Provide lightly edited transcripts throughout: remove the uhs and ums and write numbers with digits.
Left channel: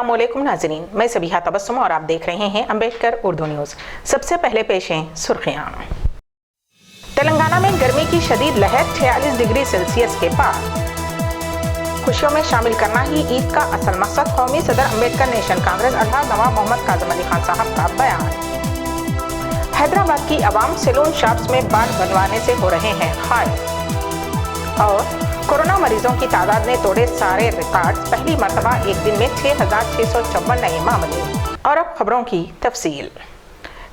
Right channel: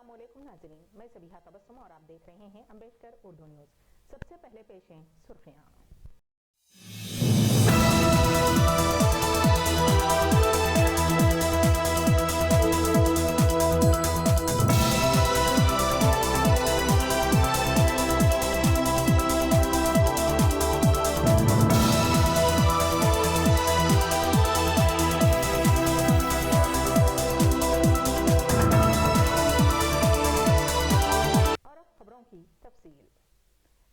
अस्सलाम वालेकुम नाज़रीन, मैं सबिहा तबस्सुम और आप देख रहे हैं अम्बेडकर उर्दू न्यूज़। सबसे पहले पेश हैं सुर्खियां। तेलंगाना में गर्मी की शदीद लहर 46 डिग्री सेल्सियस के पार। खुशियों में शामिल करना ही ईद का असल मकसद, कौमी सदर अम्बेडकर नेशनल कांग्रेस अल्हाज नवाब मोहम्मद काज़िम अली खान साहब का बयान। हैदराबाद की आवाम सैलून शॉप्स में बाल बनवाने से हो रहे हैं खारिज। और कोरोना मरीजों की तादाद ने तोड़े सारे रिकॉर्ड, पहली मरतबा एक दिन में 6,656 नए मामले। और अब खबरों की तफसील।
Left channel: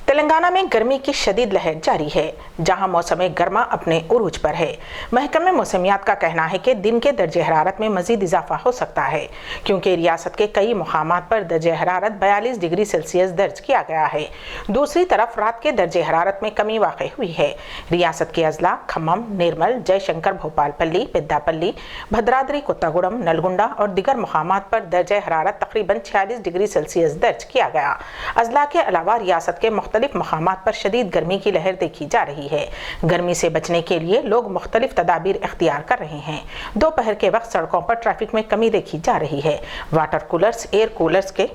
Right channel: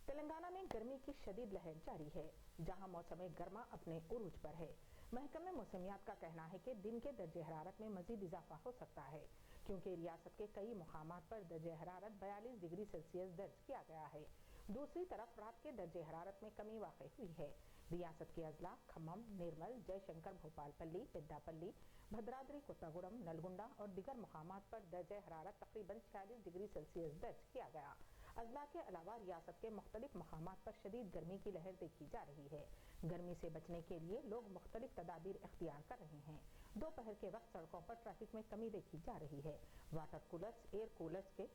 तेलंगाना में गर्मी की शदीद लहर जारी है, जहां मौसम गर्मा अपने उरूज पर है। महकमे मौसमियात का कहना है कि दिन के दर्जे हरारत में मजीद इजाफा हो सकता है, क्योंकि रियासत के कई मुकामात पर दर्जे हरारत 42 डिग्री सेल्सियस दर्ज किया गया है। दूसरी तरफ रात के दर्जे हरारत में कमी वाक़ई हुई है। रियासत के अजला खम्मम, निर्मल, जयशंकर, भोपालपल्ली, पेद्दापल्ली, भद्राद्री कोत्तागुड़म, नलगुंडा और दिगर मुकामात पर दर्जे हरारत तकरीबन 46 डिग्री सेल्सियस दर्ज किया गया। अजला के अलावा रियासत के मुख्तलिफ मकामात पर शदीद गर्मी की लहर देखी जा रही है। गर्मी से बचने के लिए लोग मुख्तलिफ तदाबीर इख्तियार कर रहे हैं। दोपहर के वक्त सड़कों पर ट्रैफिक में कमी देखी जा रही है। वाटर कूलर्स, एयर कूलर्स के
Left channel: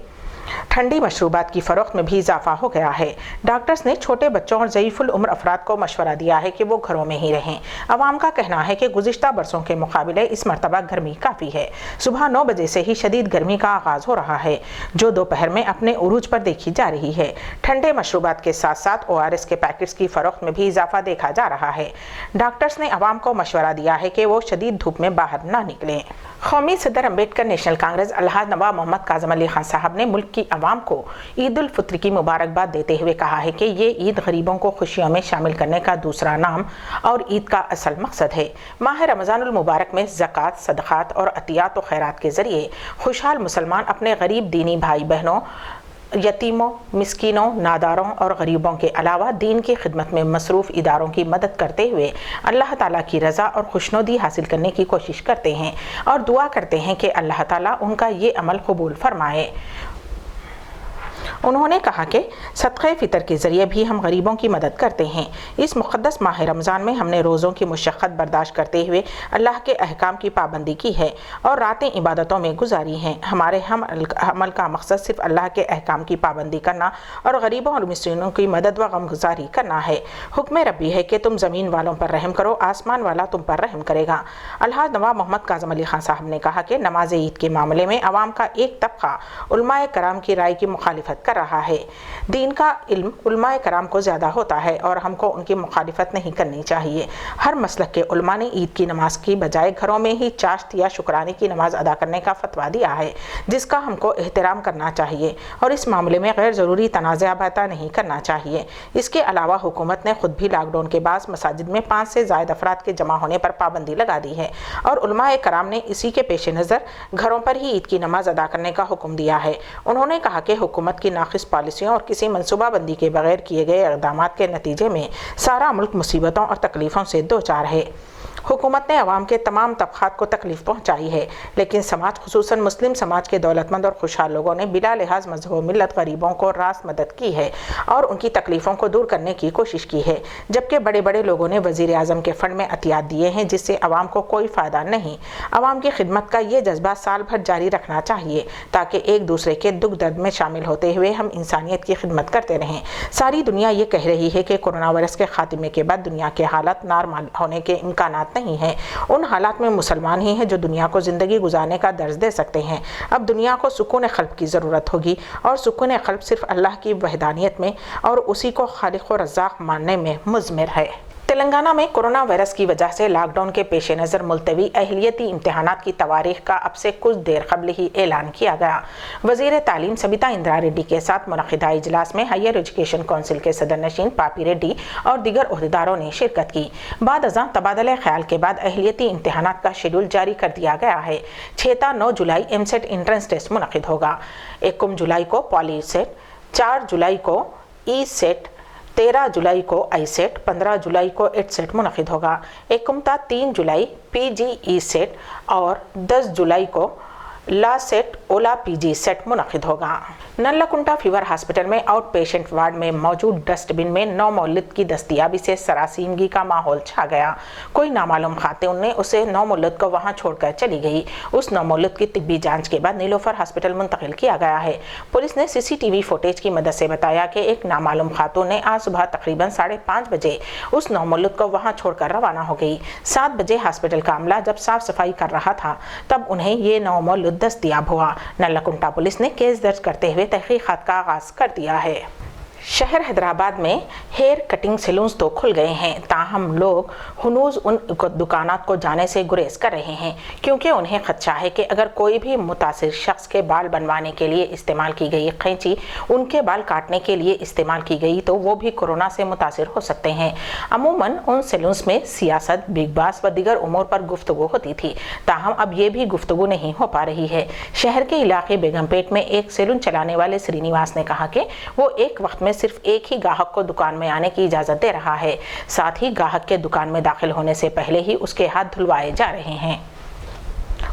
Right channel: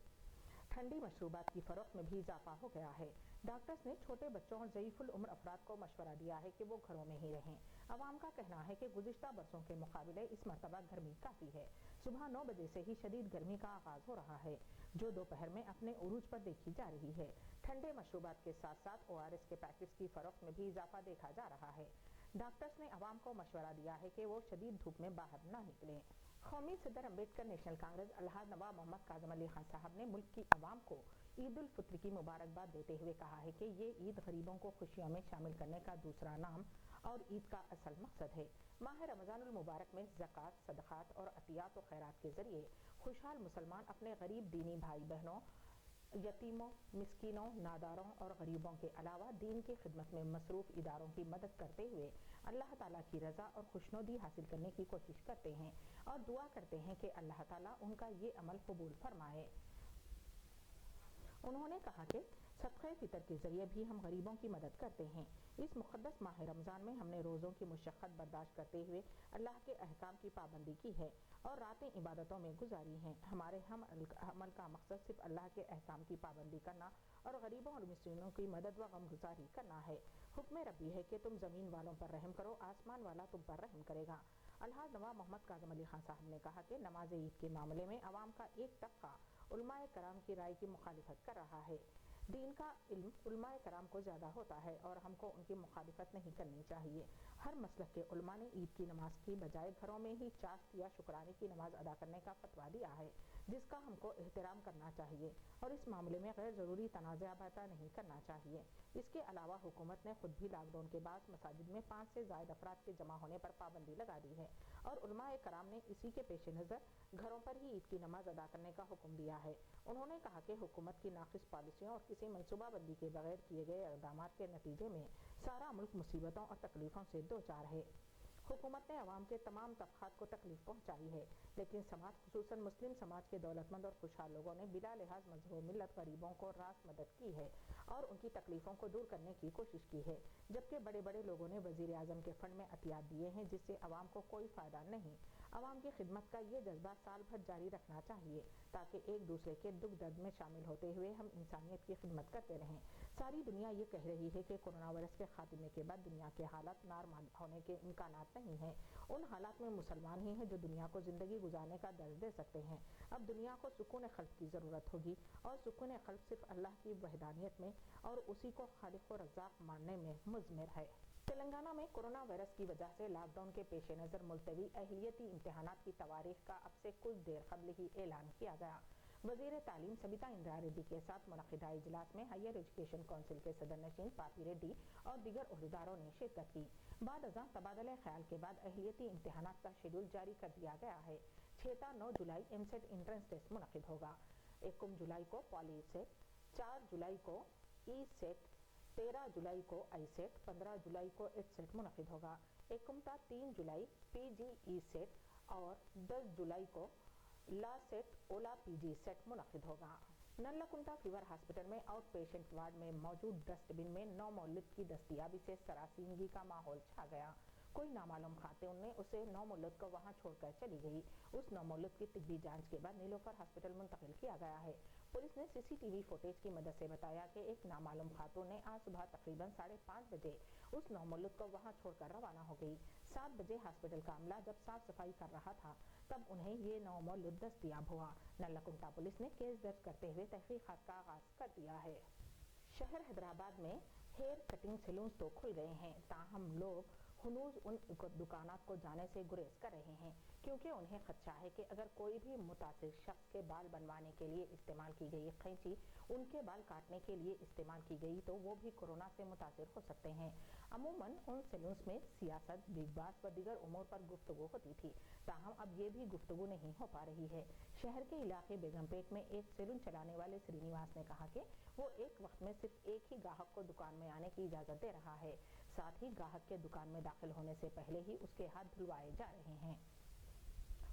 ठंडी मशरूबात की फरोख्त में भी इजाफा हो गया है। डॉक्टर्स ने छोटे बच्चों और ज़ईफ़ुल उम्र अफराद को मशवरा दिया है कि वो घरों में ही रहें। अवाम का कहना है कि गुज़िश्ता बरसों के मुकाबले इस मरतबा गर्मी काफ़ी है। सुबह 9 बजे से ही शदीद गर्मी का आगाज़ हो रहा है, जो दोपहर में अपने उरूज पर देखी जा रही है। ठंडे मशरूबात के साथ साथ ORS के पैकेट्स की फरोख्त में भी इजाफा देखा जा रहा है। डॉक्टर्स ने अवाम को मशवरा दिया है कि वो शदीद धूप में बाहर ना निकलें। कौमी सदर अम्बेडकर नेशनल कांग्रेस अल्हाज नवाब मोहम्मद काज़िम अली खान साहब ने मुल्क की अवाम को ईद उल फित्र की मुबारकबाद देते हुए कहा है कि ये ईद गरीबों को खुशियों में शामिल करने का दूसरा नाम और ईद का असल मकसद है। माह रमज़ानुल मुबारक में ज़कात, सदक़ात और अतियात व खैरात के ज़रिए खुशहाल मुसलमान अपने गरीब दीनी भाई बहनों, यतीमों, मिस्कीनों, नादारों और गरीबों के अलावा दीन की खिदमत में मसरूफ़ इदारों की मदद करते हुए अल्लाह ताला की रज़ा और खुशनुदी हासिल करने की कोशिश करते हैं और दुआ करते हैं कि अल्लाह ताला उनका ये अमल कबूल फरमाए। उन्होंने कहा कि सदक़े फ़ितर के ज़रिए भी हम गरीबों की मदद करते हैं। इस मुक़द्दस माह रमज़ान में हमने रोज़ों की मुशक्क़त बर्दाश्त करते हुए अल्लाह के अहकाम की पाबंदी की है और रातें इबादतों में गुजारी हैं। हमारे अमल का मकसद सिर्फ़ अल्लाह के अहकाम की पाबंदी करना और गरीबों और मिस्कीनों की मदद व गमगुज़ारी करना है। हुक्म रब्बी है कि तुम ज़मीन वालों पर रहम करो, आसमान वाला तुम पर रहम करेगा। अल्हाज नवाब मोहम्मद काज़िम अली खान साहब ने कहा कि नमाज ईद के मामले में अवाम का एक तबका उलमाए कराम की राय की मुखालिफत कर रहा है। दीन का इल्म उलमाए कराम को ज़्यादा होता है और हमको उनकी मुखालिफत नहीं करनी चाहिए। हर मसलक के उलमा ने ईद की नमाज की बजाय घरों में ही चाश्त या शुक्राने की नमाज अदा करने का फतवा दिया है, जिसका हमको एहतराम करना चाहिए और इस मामले में गैर ज़रूरी तनाज़ा पैदा नहीं करना चाहिए। इसके अलावा हुकूमत ने खुद भी लॉकडाउन के बाद मसाजिद में 5 से ज़ायद अफराद के जमा होने पर पाबंदी लगा दी है और उलमाए कराम ने इसी के पेश नज़र घरों पर ही ईद की नमाज अदा करने का हुक्म दिया है। उन्होंने कहा कि हुकूमत की नाक़िस पॉलिसियों और किसी मनसूबाबंदी के बगैर किए गए इक़दामात के नतीजे में सारा मुल्क मुसीबतों और तकलीफ़ों से दो चार है। हुकूमत ने अवाम के तमाम तबक़ात को तकलीफ़ पहुँचाई है, लेकिन समाज खुसूसन मुस्लिम समाज के दौलतमंद और खुशहाल लोगों ने बिला लिहाज मज़हब व मिल्लत गरीबों को रास्त मदद की है और उनकी तकलीफ़ों को दूर करने की कोशिश की है, जबकि बड़े बड़े लोगों ने वज़ीर आज़म के फ़ंड में अतियात दिए हैं, जिससे अवाम को कोई फ़ायदा नहीं। अवाम की खिदमत का ये जज्बा साल भर जारी रखना चाहिए ताकि एक दूसरे के दुख दर्द में शामिल होते हुए हम इंसानियत की खिदमत करते रहें। सारी दुनिया ये कह रही है कि कोरोना वायरस के खात्मे के बाद दुनिया के हालात नॉर्मल होने के इम्कानात नहीं है। उन हालात में मुसलमान ही हैं जो दुनिया को ज़िंदगी गुजारने का दर्ज दे सकते हैं। अब दुनिया को सुकून क़ल्ब की ज़रूरत होगी और सुकून क़ल्ब सिर्फ़ अल्लाह की वहदानियत में और उसी को खालिक व रज़्ज़ाक़ मानने में मुज़मिर है। तेलंगाना में कोरोना वायरस की वजह से लॉकडाउन के पेश नज़र मुलतवी अहलियती इम्तहानात की तवारीख का अब से कुछ देर कबल ही ऐलान किया गया। वज़ीर तालीम सबिता इंदिरा रेड्डी के साथ मुनक़िदा इजलास में हायर एजुकेशन कौंसिल के सदर नशीन पापी रेड्डी और दीगर ओहदेदारों ने शिरकत की। बाद अज़ां तबादला ख्याल के बाद अहलियती इम्तहानात का शेड्यूल जारी कर दिया गया है। 6 ta 9 जुलाई एमसेट इंट्रेंस टेस्ट मुनक़िद होगा। 1 जुलाई को पॉली सेट, 4 जुलाई को ई सेट, 13 जुलाई को आई सेट, 15 जुलाई को एट सेट मुनक़िद होगा। 1 ta 3 जुलाई PGE सेट और 10 जुलाई को ला सेट ओला पीजी सेट मुनक़िद होगा। नल्लाकुंटा फीवर हॉस्पिटल में आउट पेशेंट वार्ड में मौजूद डस्टबिन में नौमौलूद की दस्तयाबी से सरासीनगी का माहौल छा गया। कोई नामालूम खातून ने उसे नौमौलूद को वहां छोड़कर चली गई। उस नौमौलूद की तिब्बी जांच के बाद नीलोफर हॉस्पिटल मुंतकिल किया गया है। पुलिस ने सीसीटीवी फुटेज की मदद से बताया कि एक नामालूम खातून ने आज सुबह तकरीबन 5:30 बजे उस नौमौलूद को वहां छोड़कर रवाना हो गई। 7 बजे हॉस्पिटल का अमला जब साफ सफाई कर रहा था तब उन्हें ये नौमौलूद दस्तयाब हुआ। नल्लाकुंटा पुलिस ने केस दर्ज करते हुए तहकीकात का आगाज कर दिया है। शहर हैदराबाद में हेयर कटिंग सैलून्स तो खुल गए हैं, ताहम लोग हनूज उन दुकानात को जाने से गुरेज कर रहे हैं क्योंकि उन्हें खदशा है कि अगर कोई भी मुतासिर शख्स के बाल बनवाने के लिए इस्तेमाल की गई कैंची उनके बाल काटने के लिए इस्तेमाल की गई तो वो भी कोरोना से मुतासिर हो सकते हैं। अमूमन उन सैलून्स में सियासत, बिग बास व दीगर उमूर पर गुफ्तगू होती थी, ताहम अब ये भी गुफ्तगू नहीं हो पा रही है। शहर के इलाके बेगमपेट में एक सैलून चलाने वाले श्रीनिवास ने कहा कि वो एक वक्त में सिर्फ एक ही ग्राहक को दुकान में आने की इजाजत दे रहा है, साथ ही ग्राहक के दुकान में दाखिल होने से पहले ही उसके हाथ धुलवाए जा रहे हैं।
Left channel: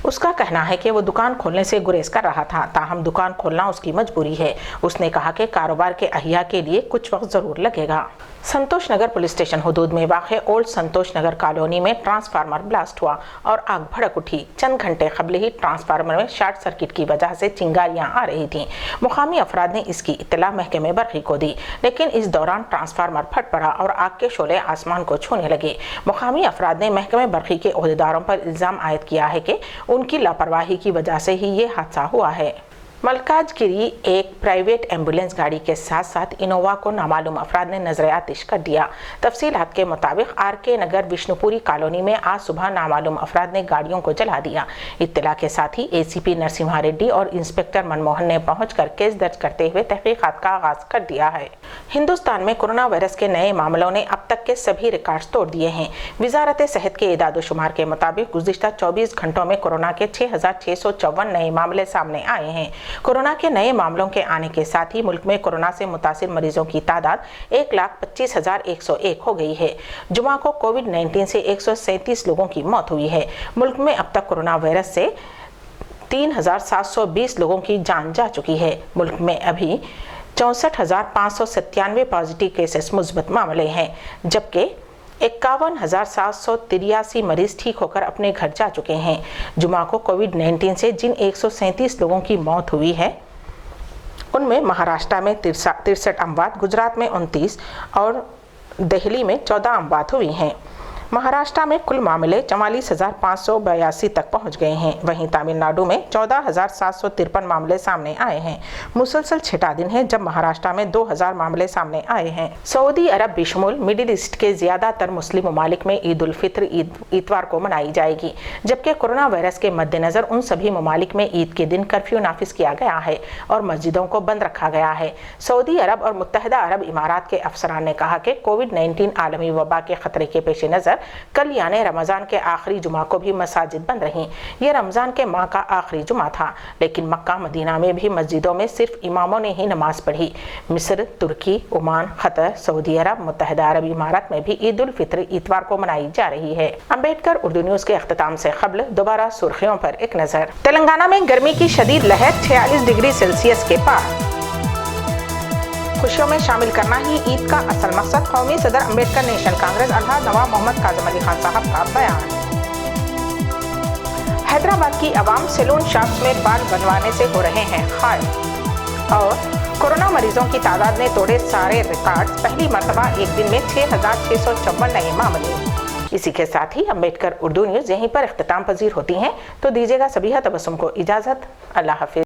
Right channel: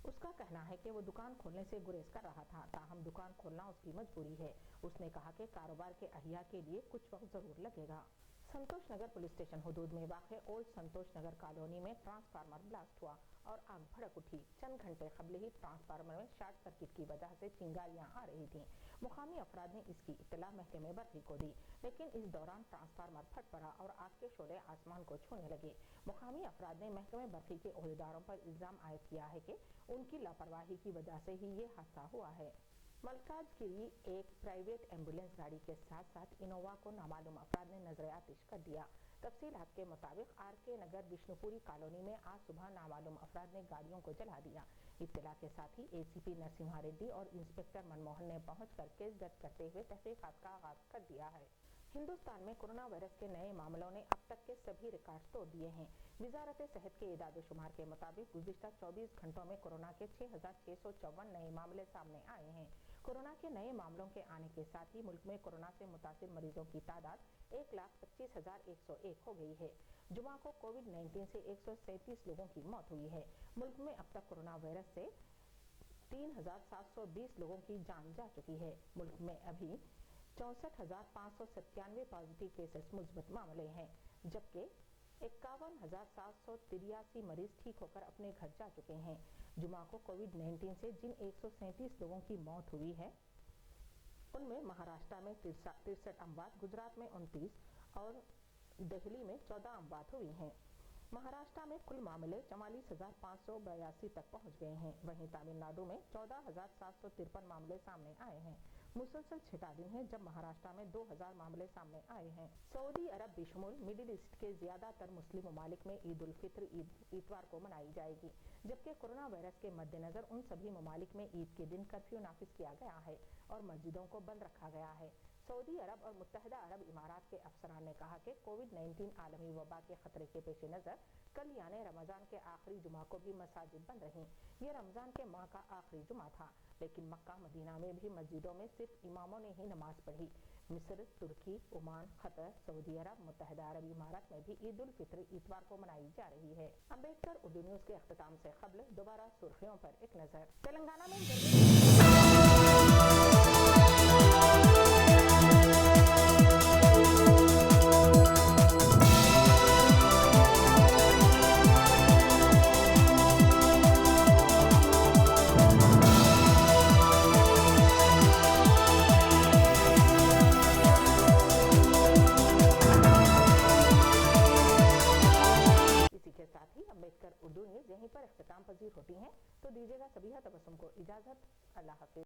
उसका कहना है कि वो दुकान खोलने से गुरेज कर रहा था, ताहम दुकान खोलना उसकी मजबूरी है। उसने कहा कि कारोबार के अहिया के लिए कुछ वक्त जरूर लगेगा। संतोष नगर पुलिस स्टेशन हुदूद में वाक़े ओल्ड संतोष नगर कॉलोनी में ट्रांसफार्मर ब्लास्ट हुआ और आग भड़क उठी। चंद घंटे कबल ही ट्रांसफार्मर में शॉर्ट सर्किट की वजह से चिंगारियां आ रही थीं। मुकामी अफराद ने इसकी इत्तला महकमे बरक़ी को दी, लेकिन इस दौरान ट्रांसफार्मर फट पड़ा और आग के शोले आसमान को छूने लगे। मुकामी अफराद ने महकमे बरक़ी के ओहदेदारों पर इल्ज़ाम आयद किया है कि उनकी लापरवाही की वजह से ही ये हादसा हुआ है। मलकाजगिरी एक प्राइवेट एम्बुलेंस गाड़ी के साथ साथ इनोवा को नामालूम अफराद ने नजर आतिश कर दिया। तफसीलात के मुताबिक आरके नगर विष्णुपुरी कॉलोनी में आज सुबह नामालूम अफराद ने गाड़ियों को जला दिया। इत्तला के साथ ही एसीपी नरसिम्हा रेड्डी और इंस्पेक्टर मनमोहन ने पहुंचकर केस दर्ज करते हुए तहकीकात का आगाज कर दिया है। हिंदुस्तान में कोरोना वायरस के नए मामलों ने अब तक के सभी रिकॉर्ड्स तोड़ दिए हैं। वजारत सेहत के इदाद-ओ-शुमार के मुताबिक गुज़िश्ता 24 घंटों में कोरोना के 6,654 नए मामले सामने आए हैं। कोरोना के नए मामलों के आने के साथ ही मुल्क में कोरोना से मुतासिर मरीजों की तादाद 1,25,101 हो गई है। जुमा को कोविड-19 से 137 लोगों की मौत हुई है। मुल्क में अब तक कोरोना वायरस से 3,720 लोगों की जान जा चुकी है। मुल्क में अभी 64,597 पॉजिटिव केसेस मुस्बत मामले हैं, जबकि 51,783 मरीज ठीक होकर अपने घर जा चुके हैं। जुमा को कोविड-19 से जिन 137 लोगों की मौत हुई है उनमें महाराष्ट्र में 63 अमवात, गुजरात में 29 और दिल्ली में 14 अमवात हुई हैं। महाराष्ट्र में कुल मामले 44,582 तक पहुंच गए हैं। वहीं तमिलनाडु में 14,753 मामले सामने आए हैं। मुसलसल छठा दिन है जब महाराष्ट्र में 2,000 मामले सामने आए हैं। सऊदी अरब बिशमुल मिडिल ईस्ट के ज्यादातर मुस्लिम ममालिक में ईद उल फित्र इतवार को मनाई जाएगी, जबकि कोरोना वायरस के मद्देनजर उन सभी ममालिक में ईद के दिन कर्फ्यू नाफिज किया गया है और मस्जिदों को बंद रखा गया है। सऊदी अरब और मुत्तहिदा अरब इमारात के अफसरान ने कहा कि कोविड-19 आलमी वबा के खतरे के पेश नज़र कल यानी रमज़ान के आखिरी जुमा को भी मसाजिद बंद रहीं। ये रमज़ान के माह का आखिरी जुमा था, लेकिन मक्का मदीना में भी मस्जिदों में सिर्फ इमामों ने ही नमाज पढ़ी। मिस्र, तुर्की, ओमान, कतर, सऊदी अरब, मुत्तहिदा अरब इमारात में भी ईद उल फित्र इतवार को मनाई जा रही है। अम्बेडकर उर्दू न्यूज़ के अख्तिताम से क़ब्ल दोबारा सुर्खियों पर एक नज़र। तेलंगाना में गर्मी की शदीद लहर 46 डिग्री सेल्सियस के पार। खुशियों में शामिल करना ही ईद का असल मकसद, कौमी सदर अम्बेडकर नेशनल कांग्रेस अल्हाज नवाब मोहम्मद काज़िम अली खान साहब का बयान। हैदराबाद की आवाम सैलून शॉप्स में बाल बनवाने से हो रहे हैं खारिज। और कोरोना मरीजों की तादाद ने तोड़े सारे रिकॉर्ड, पहली मरतबा एक दिन में 6,654 नए मामले। इसी के साथ ही अम्बेडकर उर्दू न्यूज़ यहीं पर इख्तिताम पजीर होती हैं, तो दीजिएगा सभी तबस्सुम को इजाज़त। अल्लाह हाफिज़।